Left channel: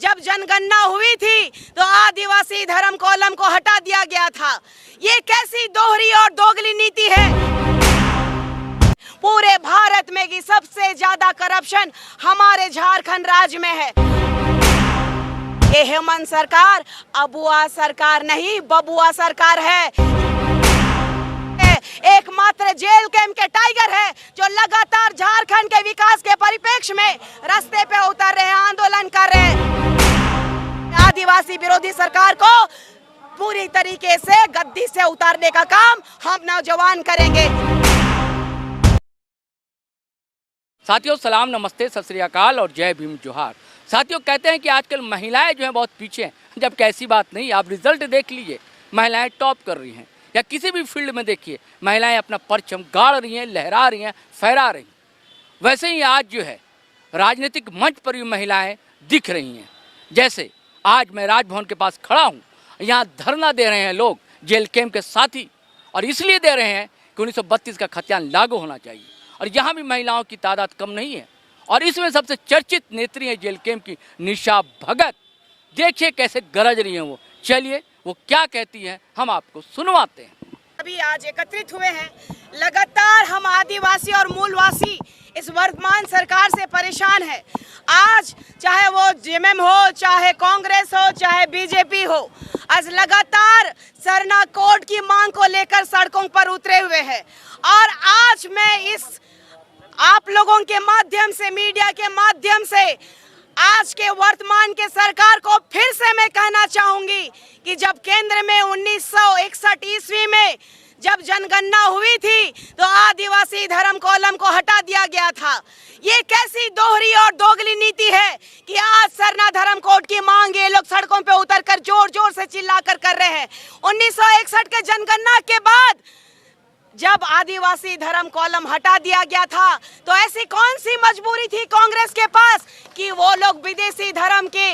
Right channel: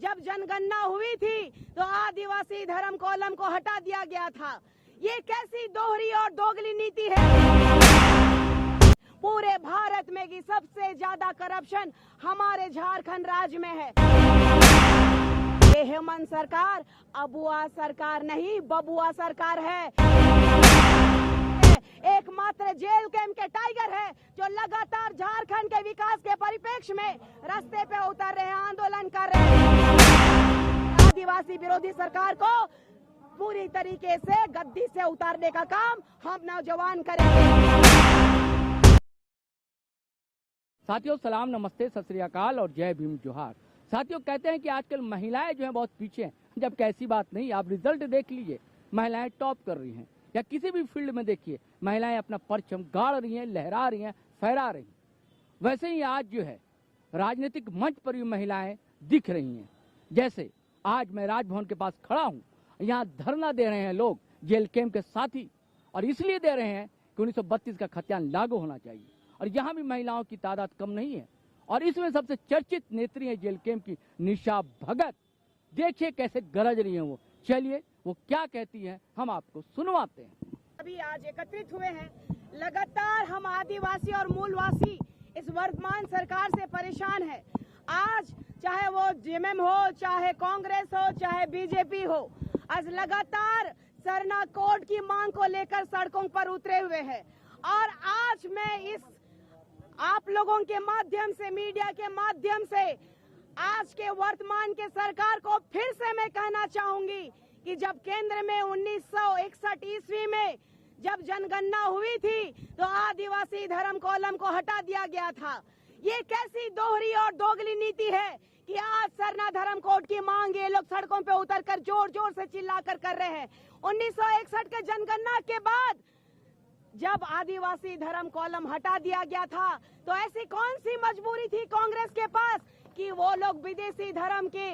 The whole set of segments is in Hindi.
जब जनगणना हुई थी तो आदिवासी धर्म कॉलम को हटा दिया गया था। ये कैसी दोहरी और दोगली नीति है? पूरे भारत में की सबसे ज्यादा करप्शन हमारे झारखंड राज्य में है। ये हेमंत सरकार अबुआ सरकार नहीं, बबुआ सरकार है। एकमात्र जेल कैंप के टाइगर है जो लगातार झारखंड के विकास के परिप्रेक्ष्य में रास्ते पे उतर रहे हैं, आंदोलन कर रहे हैं। आदिवासी विरोधी सरकार को पूरी तरीके से गद्दी से उतारने का काम हम नौजवान करेंगे। साथियों सलाम, नमस्ते, सत श्री अकाल और जय भीम जोहार। साथियों कहते हैं कि आजकल महिलाएं जो हैं बहुत पीछे हैं, जबकि ऐसी बात नहीं। आप रिजल्ट देख लीजिए, महिलाएं टॉप कर रही हैं, या किसी भी फील्ड में देखिए महिलाएं अपना परचम गाड़ रही हैं, लहरा रही हैं, फहरा रही हैं। वैसे ही आज जो है राजनीतिक मंच पर भी महिलाएं दिख रही हैं। जैसे आज मैं राजभवन के पास खड़ा हूँ, यहाँ धरना दे रहे हैं लोग जेल कैंप के साथी, और इसलिए दे रहे हैं कि 1932 का खतियान लागू होना चाहिए। और यहाँ भी महिलाओं की तादाद कम नहीं है, और इसमें सबसे चर्चित नेत्री है जेल कैंप की निशा भगत। देखिए कैसे गरज रही हैं वो। चलिए वो क्या कहती हैं हम आपको सुनवाते हैं। अभी आज एकत्रित हुए हैं। लगातार हम आदिवासी और मूलवासी इस वर्तमान सरकार से परेशान है। आज चाहे वो जेएमएम हो, चाहे कांग्रेस हो, चाहे बीजेपी हो, आज लगातार सरना कोड की मांग को लेकर सड़कों पर उतरे हुए हैं। और आज मैं इस आप लोगों के माध्यम से, मीडिया के माध्यम से आज के वर्तमान के सरकार को फिर से मैं कहना चाहूंगी कि जब केंद्र में 1961 ईस्वी में जब जनगणना हुई थी तो आदिवासी धर्म कॉलम को हटा दिया गया था। ये कैसी दोहरी और दोगली नीति है कि आज सरना धर्म कोड की मांग ये लोग सड़कों पे उतरकर जोर जोर से चिल्लाकर कर रहे हैं। 1961 के जनगणना के बाद जब आदिवासी धर्म कॉलम हटा दिया गया था तो ऐसी कौन सी मजबूरी थी कांग्रेस के पास कि वो लोग विदेशी धर्म के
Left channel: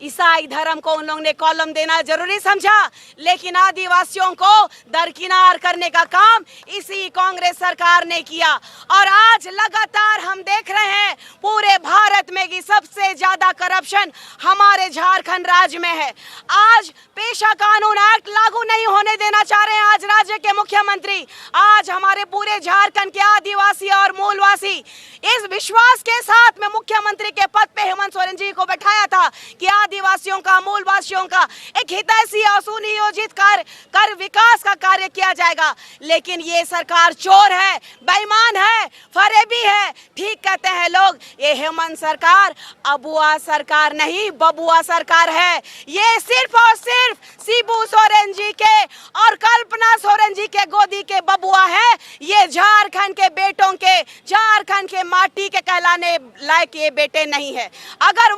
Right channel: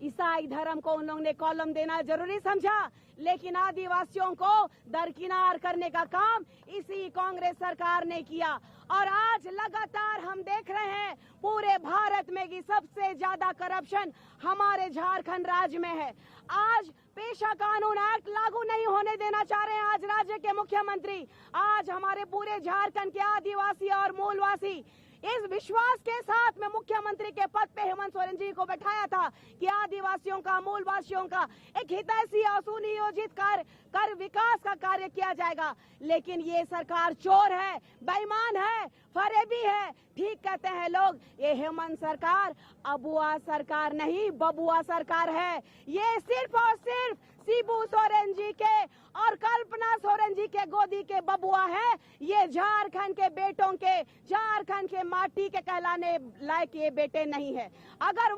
ईसाई धर्म को उन लोगों ने कॉलम देना जरूरी समझा। लेकिन आदिवासियों को दरकिनार करने का काम इसी कांग्रेस सरकार ने किया। और आज लगातार हम देख रहे हैं पूरे भारत में की सबसे ज्यादा करप्शन हमारे झारखंड राज्य में है। आज पेशा कानून एक्ट लागू नहीं होने देना चाह रहे हैं आज राज्य के मुख्यमंत्री। आज हमारे पूरे झारखंड के आदिवासी और मूलवासी इस विश्वास के साथ में मुख्यमंत्री के पद पे हेमंत सोरेन जी को बैठाया था कि आदिवासियों का, मूलवासियों का एक हितैषी और सुनियोजित कर विकास का कार्य किया जाएगा। लेकिन ये सरकार चोर है, बेईमान है, फरेबी है। ठीक कहते हैं लोग, ये हेमंत सरकार अबुआ सरकार नहीं, बबुआ सरकार है। ये सिर्फ और सिर्फ शिबू सोरेन जी के और कल्पना सोरेन जी के गोदी के बबुआ है। ये झारखंड के बेटों के, झारखंड के माटी के कहलाने लायक ये बेटे नहीं है। अगर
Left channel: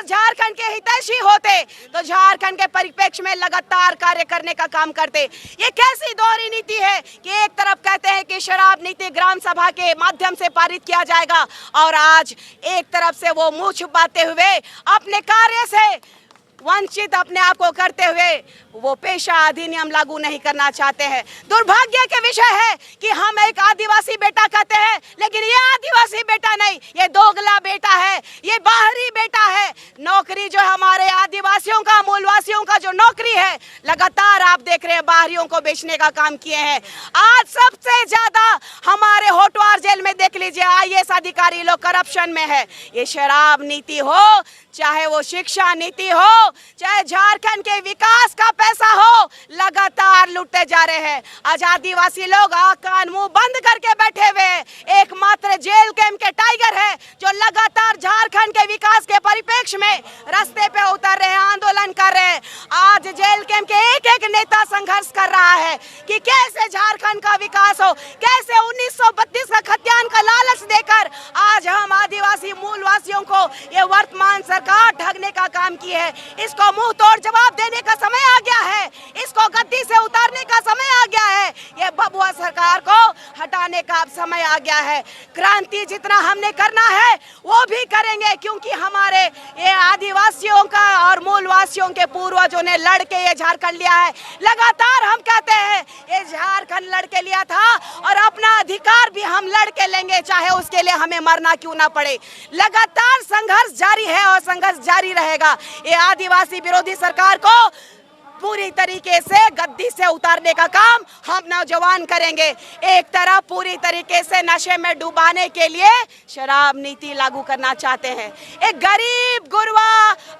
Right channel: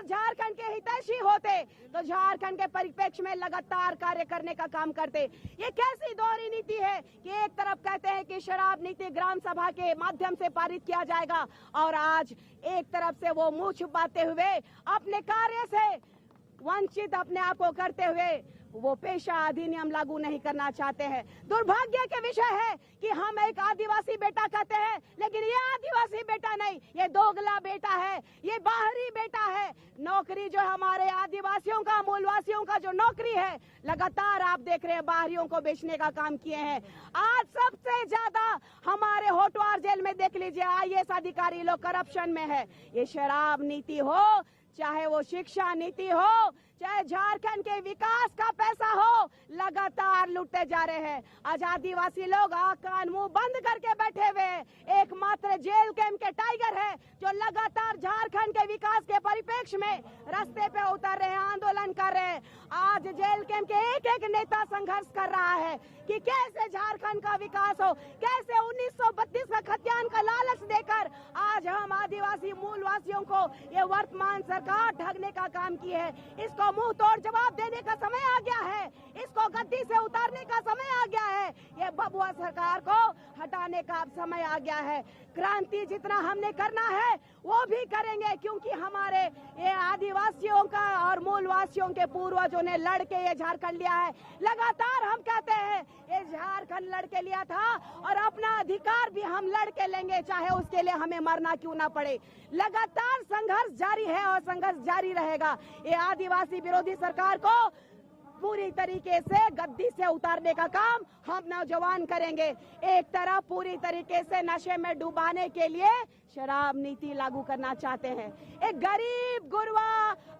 झारखंड के हितैषी होते तो झारखंड के परिप्रेक्ष्य में लगातार कार्य करने का काम करते। ये कैसी दोहरी नीति है कि एक तरफ कहते हैं कि शराब नीति ग्राम सभा के माध्यम से पारित किया जाएगा, और आज एक तरफ से वो मुंह छुपाते हुए अपने कार्य से वंचित अपने आप को करते हुए वो पेशा अधिनियम लागू नहीं करना चाहते हैं। दुर्भाग्य के विषय है कि हम एक आदिवासी बेटा कहते हैं, लेकिन ये आदिवासी बेटा नहीं, ये दोगला बेटा है, ये बाहरी बेटा है। नौकरी जो हमारे आदिवासियों का, मूलवासियों का जो नौकरी है, लगातार आप देख रहे हैं बाहरियों को बेचने का काम किए हैं। आज सबसे ज्यादा हमारे होटवार जेल में देख लीजिए आईएएस अधिकारी लोग करप्शन में है। ये शराब नीति हो, चाहे वो शिक्षा नीति हो, चाहे झारखंड के विकास का पैसा हो, लगातार लुटते जा रहे हैं। आज आदिवासी लोग कान मुंह बंद करके बैठे हुए एकमात्र जेल कैंप के टाइगर है जो लगातार झारखंड के विकास के परिप्रेक्ष्य में रास्ते पे उतर रहे हैं, आंदोलन कर रहे हैं। आज जेल कैंप के एक एक नेता संघर्ष कर रहा है कि कैसे झारखंड का विकास हो, कैसे 1932 का खतियान का लालच देकर आज हम आदिवासी मूलवासियों को ये वर्तमान सरकार ठगने का काम की है। इसको मुंह तोड़ जवाब देने का समय आ गया है, इसको गद्दी से उतारने का समय आ गया है। ये ये बबुआ सरकार को हटाने का अब समय आ गया है। क्रांति जितना हमने करना है वो भी करेंगे, क्योंकि हमारे ये आदिवासियों का और मूलवासियों के पूर्वजों ने लड़ के ये झारखंड लिया है। लगातार हम कहते हैं ये झारखंड लड़ के लिया था और अपना अधिकार भी हम लड़ के लेंगे, चाहे उसके लिए हमें मरना क्यों ना पड़े। लगातार संघर्ष जारी है और संघर्ष जारी रहेगा। ये आदिवासी विरोधी सरकार को पूरी तरीके से गद्दी से उतारने का काम हम नौजवान करेंगे। एक तरफ पूरी तरीके से नशे में डुबाने के लिए शराब नीति लागू करना चाहते हैं। एक गरीब गुरबा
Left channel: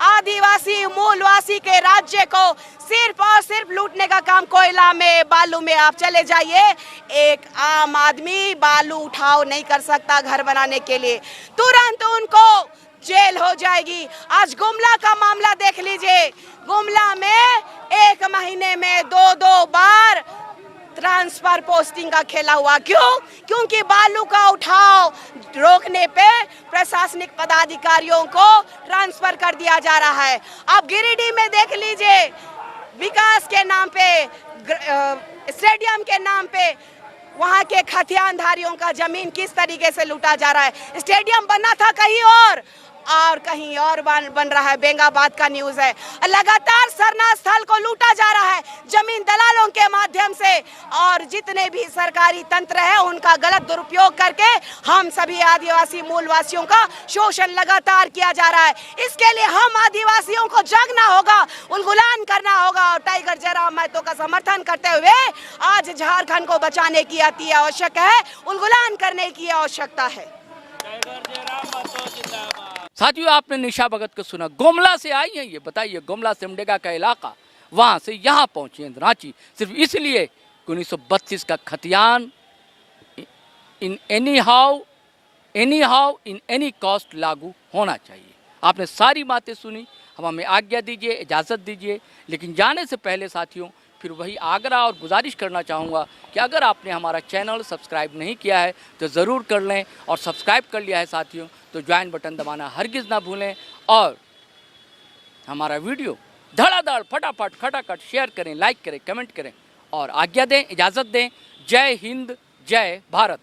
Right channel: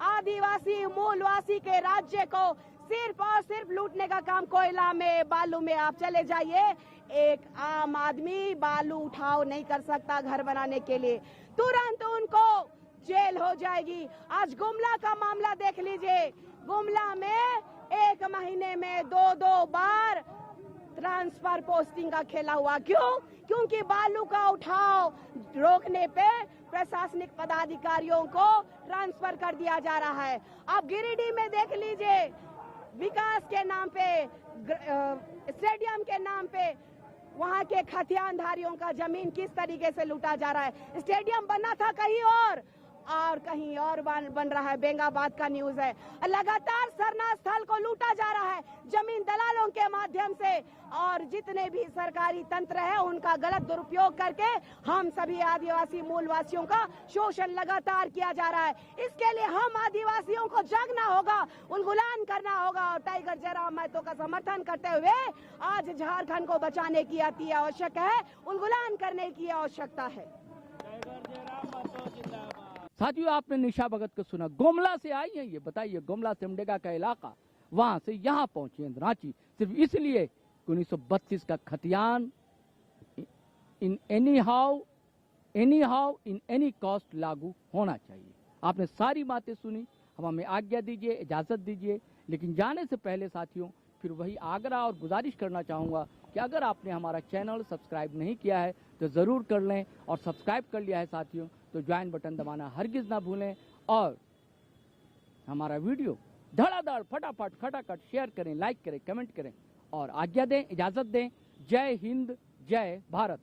आदिवासी मूलवासी के राज्य को सिर्फ और सिर्फ लूटने का काम। कोयला में, बालू में आप चले जाइए, एक आम आदमी बालू उठाव नहीं कर सकता घर बनाने के लिए, तुरंत उनको जेल हो जाएगी। आज गुमला का मामला देख लीजिए। गुमला में एक महीने में 2 बार ट्रांसफर पोस्टिंग का खेला हुआ। क्यों? क्योंकि बालू का उठाव रोकने पे प्रशासनिक पदाधिकारियों को ट्रांसफर कर दिया जा रहा है। अब गिरिडीह में देख लीजिए, विकास के नाम पे, स्टेडियम के नाम पे वहां के खतियानधारियों का जमीन किस तरीके से लूटा जा रहा है। स्टेडियम बना था कहीं और कहीं और बन रहा है। बेंगाबाद का न्यूज है। लगातार सरना स्थल को लूटा जा रहा है जमीन दलालों के माध्यम से, और जितने भी सरकारी तंत्र है उनका गलत दुरुपयोग करके हम सभी आदिवासी मूलवासियों का शोषण लगातार किया जा रहा है। इसके लिए हम आदिवासियों को जागना होगा, उलगुलान करना होगा और टाइगर जयराम महतो का समर्थन करते हुए आज झारखंड को बचाने की अति आवश्यक है, उलगुलान करने की आवश्यकता है। साथियों, आपने निशा भगत को सुना, गुमला से आई हैं ये। बताइए, गुमला सिमडेगा का इलाका, वहाँ से यहाँ पहुँची हैं रांची सिर्फ इसलिए कि 1932 का खतियान in any how in any cost लागू होना चाहिए। आपने सारी बातें सुनी, हम हमें आज्ञा दीजिए, इजाज़त दीजिए। लेकिन जाने से पहले साथियों फिर वही आग्रह और गुजारिश करना चाहूँगा कि अगर आपने हमारा चैनल सब्सक्राइब नहीं किया है तो ज़रूर कर लें, और सब्सक्राइब कर लिया है साथियों तो ज्वाइन बटन दबाना हरगिज़ ना भूलें, और हमारा वीडियो धड़ाधड़ फटाफट खटाखट शेयर करें, लाइक करें, कमेंट करें और आज्ञा दें, इजाज़त दें। जय हिंद, जय भारत।